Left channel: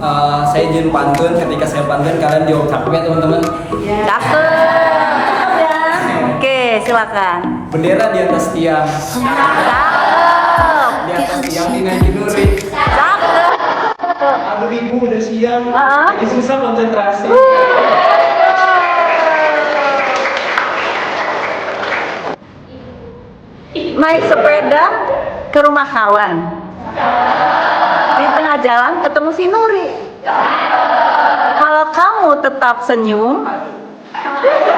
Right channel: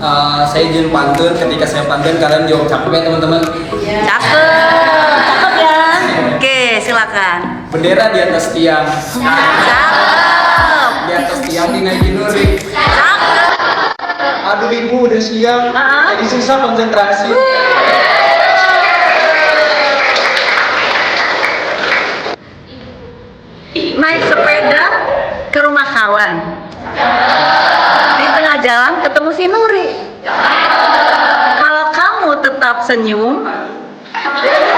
Saya izin pantun. Ketika saya pantun, kalian jawab cakep ya teman-teman. Cakep, cakep ya. Oke, silakan. Bendera di atas tiang. Cakep. Di atas tiang dinaikin Nuri. Cakep. Aduh ibu udah siang. Jadi susah konsentrasi. Naik sepeda ke rumah kawan. Di tengah jalan ketemu si Nuri. Kalau kamu tetap senyum,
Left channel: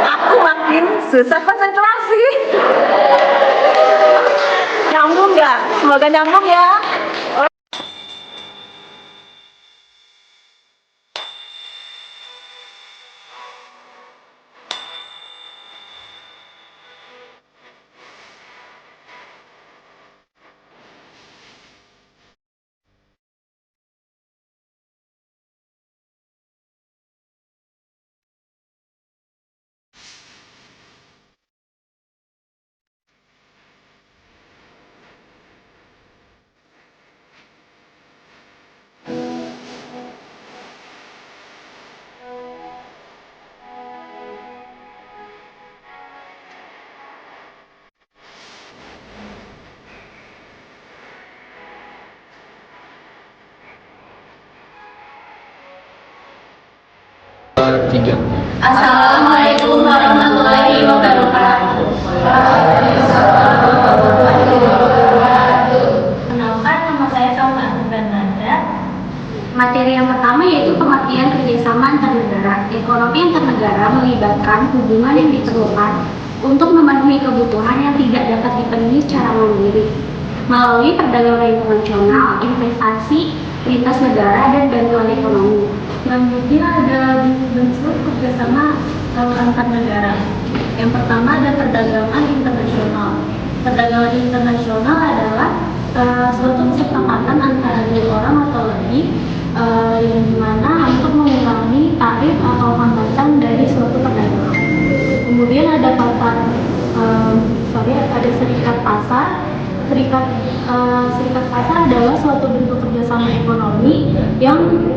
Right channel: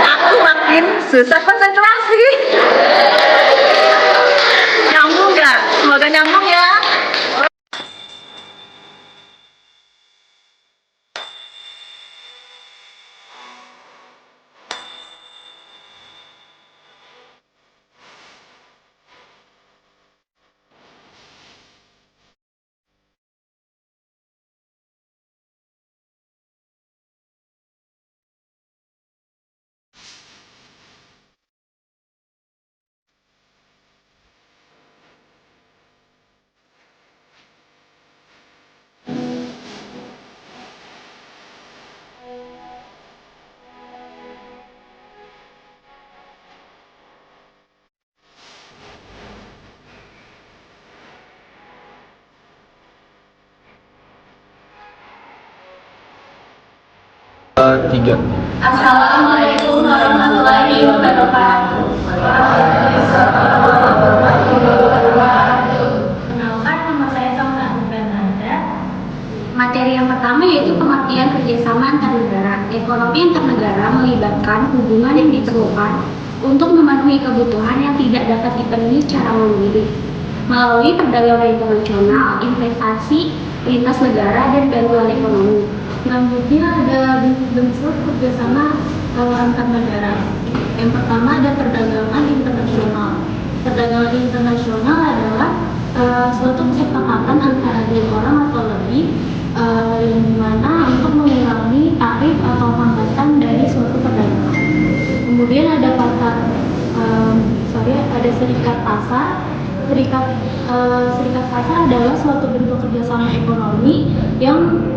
aku makin susah konsentrasi. Nyambung nggak? Semoga nyambung ya. Tiga. Assalamualaikum warahmatullahi wabarakatuh. Kenalkan, nama saya Salma Bernada. Materi yang pertama yaitu pengertian kerjasama antar negara. Ekonomi antar negara melibatkan hubungan yang diperlukan untuk memenuhi kebutuhan yang tidak dapat dipenuhi secara mandiri melalui perdagangan internasional, investasi, lintas negara, dan bantuan ekonomi. Selanjutnya ada bentuk kerjasama antar negara. Yang pertama ada perdagangan internasional. Perdagangan internasional adalah suatu kesepakatan antara dua orang atau lebih yang dimana untuk mengurangi tarif atau hambatan dari suatu perdagangan. Kemudian ada ada serikat pasar. Serikat pasar adalah suatu bentuk kerjasama ekonomi yang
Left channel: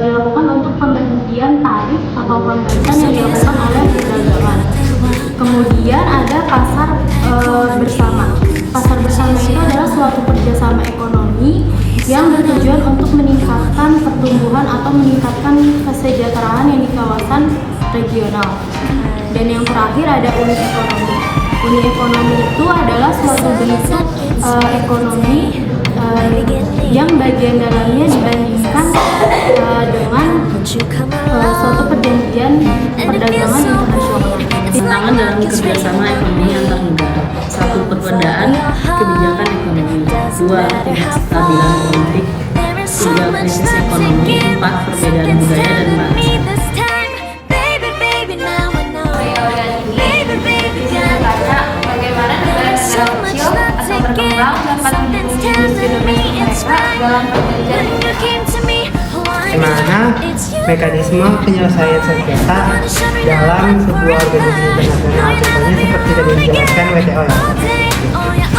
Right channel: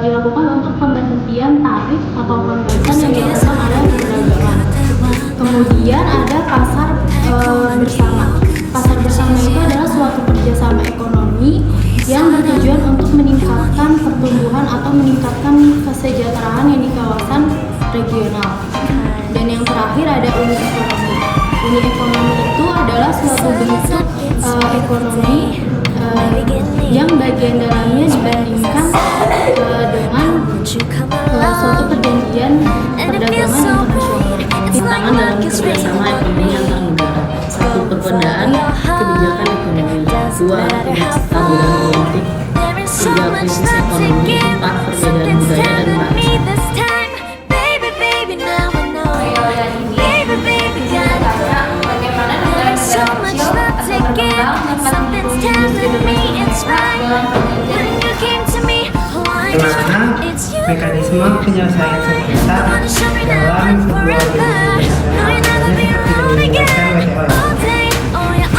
dilakukan untuk pemberhentian tarif atau hambatan yang dilakukan oleh perdagangan. Kemudian ada pasar bersama. Pasar bersama itu adalah suatu kerjasama ekonomi yang bertujuan untuk meningkatkan pertumbuhan atau meningkatkan kesejahteraan yang di kawasan regional. Dan yang terakhir ada unit ekonomi. Unit ekonomi itu adalah suatu bentuk ekonomi yang bagian dalamnya dibandingkan dengan suatu perjanjian perdagangan internasional. Tantangan dalam kerjasama ekonomi antar negara. 1. Perbedaan kebijakan ekonomi. 2. Tingkat kestabilan politik. 3. Krisis ekonomi. 4. Perbedaan budaya dan bahasa. Bagaimana mekanisme penyelesaian sengketa dalam sebuah organisasi internasional, misalnya seperti tadi dijelaskan WTO ya.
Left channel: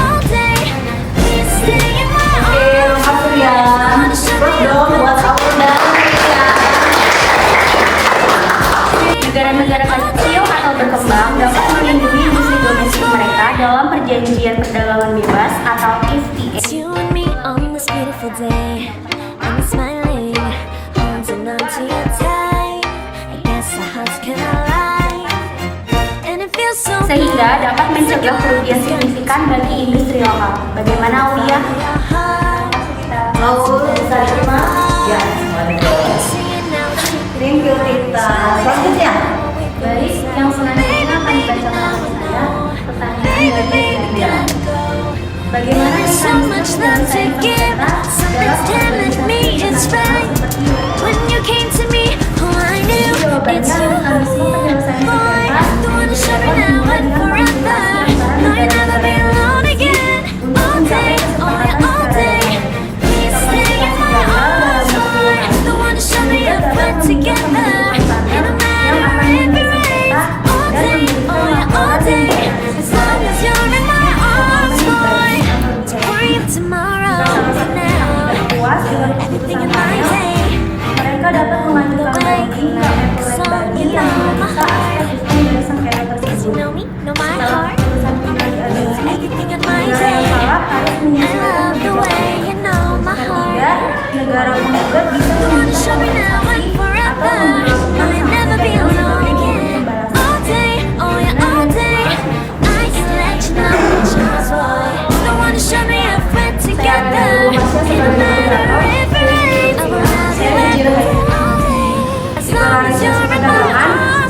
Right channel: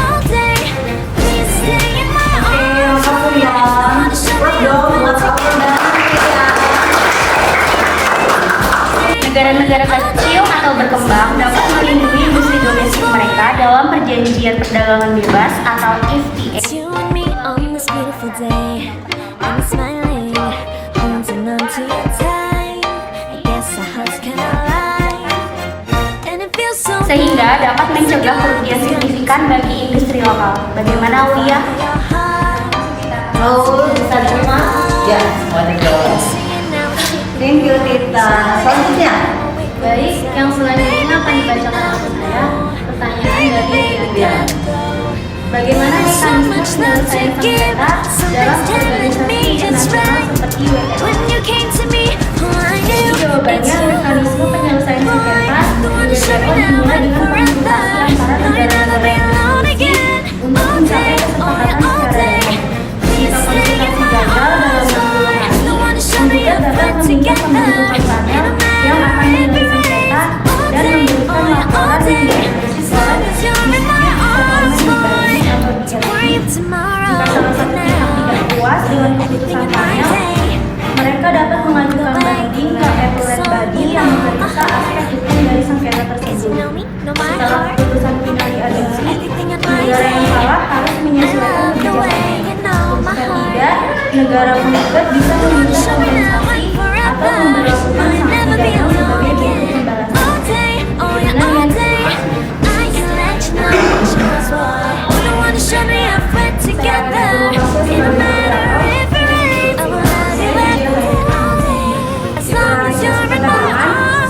Negara-negara kecil atau berkembang dapat melindungi industri domestik mereka dalam perjanjian perdagangan bebas atau FTA. Sehingga dapat mencegah kerugian signifikan bagi industri lokal. Bagaimana Ulia? Ya. Thank you Tita. Selanjutnya. Baik, yang selanjutnya akan dibacakan oleh saya. Pertanyaan dari Ulia. Bagaimana mekanisme penyelesaian sengketa dalam organisasi internasional seperti WTO? Jawabannya, mekanisme penyelesaian sengketa dapat hubungan dengan komunikasi antara negara-negara untuk mencapai kesepakatan secara damai. Komunikasi gagal dalam berhubungan kemudian dapat membuka pembentukan standar yang akan menghentikan sengketa dan memberikan laporan dan puas dengan keputusan panel, negara juga bisa menggunakan kompensasi atau memperlakukan sanksi pidana sebagai bentuk pembalasan.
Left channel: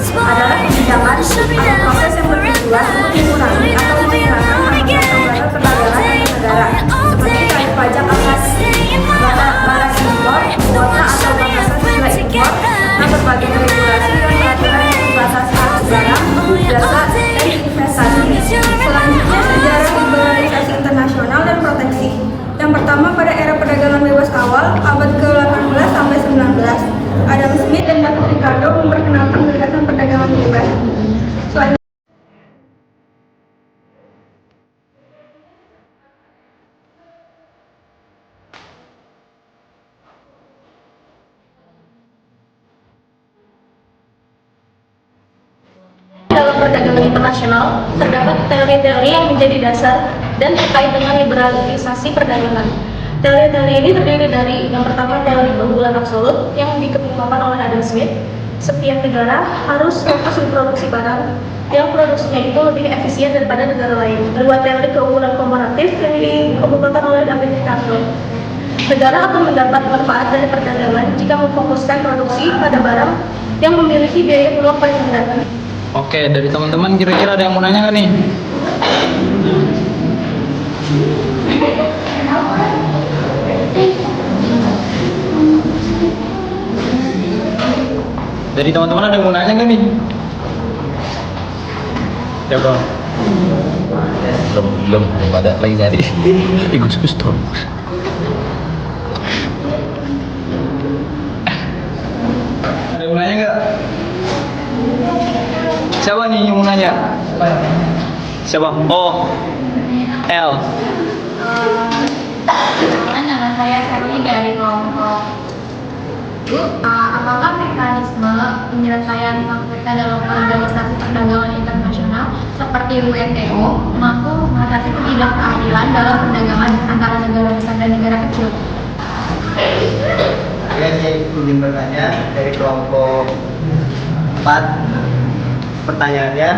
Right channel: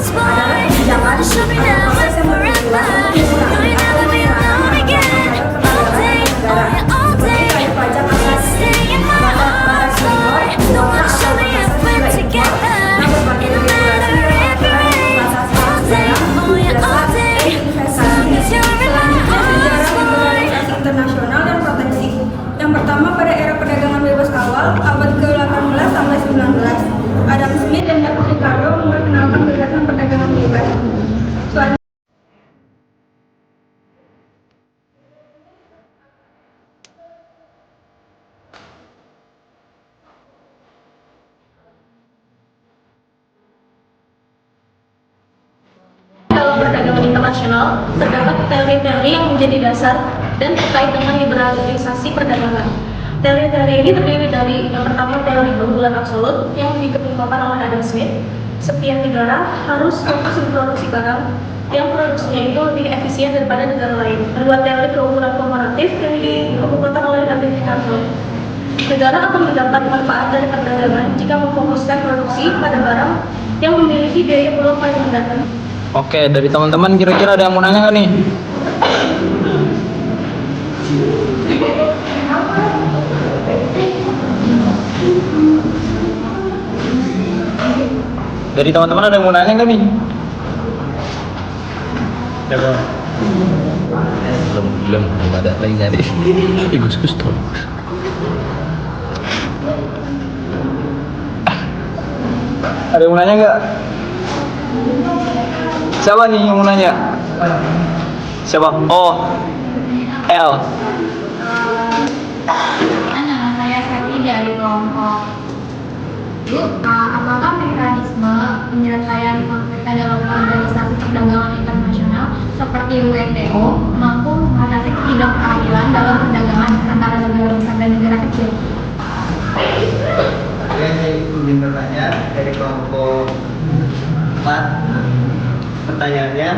Adalah kebijakan atau proses yang bertujuan untuk mengurangi atau menghilangkan pembayaran negara seperti tarif pajak atas barang impor, kuota atau batasan nilai impor, dan berbagai regulasi dan peraturan yang membatasi barang, jasa, dan investasi. Selanjutnya, sejarah liberalisasi internasional dan proteksi. Yang pertama, pada era perdagangan bebas awal, abad ke-18 sampai 19, Adam Smith dan David Ricardo memperkenalkan gagasan perdagangan bebas. Selanjutnya, dalam perdagangan internasional, terdapat teori-teori yang menjadi dasar dan terkait dengan liberalisasi perdagangan. Teori-teori ini terdiri dari yang pertama teori keunggulan absolut yang dikemukakan oleh Adam Smith. Setiap negara harus fokus memproduksi barang yang produksinya itu lebih efisien daripada negara lain. Kedua, teori keunggulan komparatif yang dikemukakan oleh David Ricardo. Negara akan mendapat manfaat dari perdagangan jika memfokuskan produksi pada barang yang memiliki biaya peluang paling rendah. Oke, dari teman-teman kira-kira ada yang mau nanya nggak nih? Dari teman-teman ada yang mau nanya nggak nih? Coba. Belum ada lagi nyari. Gus tuh. Ada yang mau nanya nggak? Siapa nih yang mau nanya? Siapa? Oh, L. Nama saya Sati dari kelompok. Apakah mekanisme penyelesaian konfliknya dalam organisasi perdagangan internasional seperti WTO mampu mengatasi ketidakadilan dalam perdagangan antara negara besar dan negara kecil? Saya ingin bertanya dari kelompok 4. Pertanyaannya,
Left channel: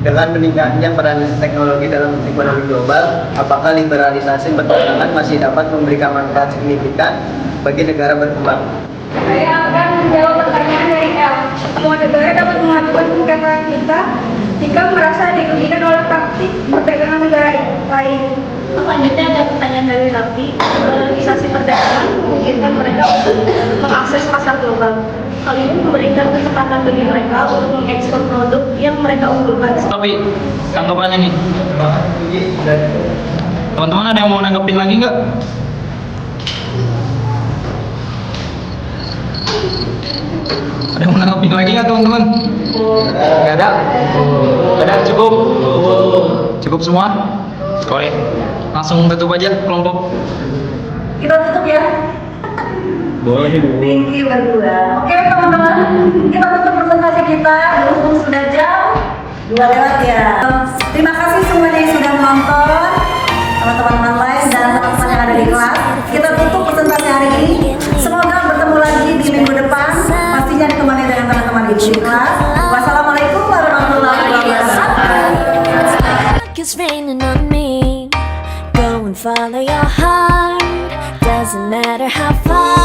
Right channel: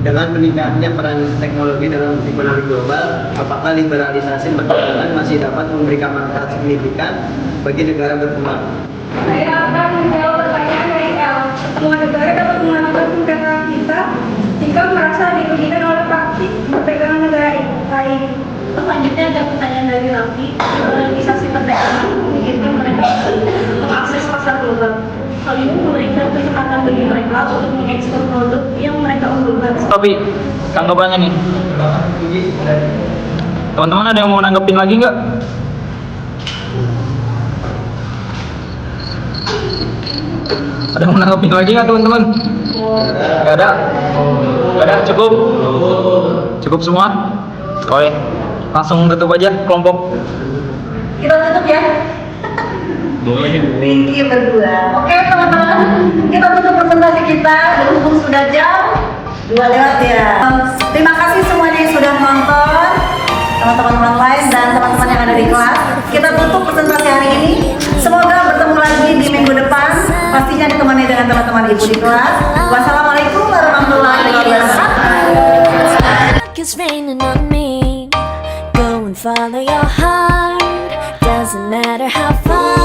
dengan meningkatnya peran teknologi dalam ekonomi global, apakah liberalisasi perdagangan masih dapat memberikan manfaat signifikan bagi negara berkembang? saya akan menjawab pertanyaan dari L. Semua negara dapat mengajukan sengketa kita jika merasa dirugikan oleh praktik perdagangan negara lain. Selanjutnya ada pertanyaan dari Raffi. Liberalisasi perdagangan memungkinkan mereka untuk mengakses pasar global. Hal ini memberikan kesempatan bagi mereka untuk mengekspor produk yang mereka unggulkan. Tapi tanggapannya nih, teman-teman ada yang mau nanggepin lagi nggak? Ada yang mau nanggepin lagi nggak teman-teman? Nggak ada? Nggak ada? Cukup? Cukup semua? Oke, langsung tutup aja kelompok. Kita tutup ya. Boleh. Pinky berdua. Oke teman-teman, kita tutup presentasi kita. Berhubung sudah jam 2 lewat ya. Terima kasih semuanya yang sudah menonton, teman-teman lain dan teman-teman yang ada di kelas. Kita tutup presentasi hari ini. Semoga bertemu lagi di minggu depan. Pastinya ditemani dengan teman-teman ibu di kelas. Wassalamualaikum warahmatullahi wabarakatuh. It's raining on me. Go and follow your heart. Doesn't matter how far.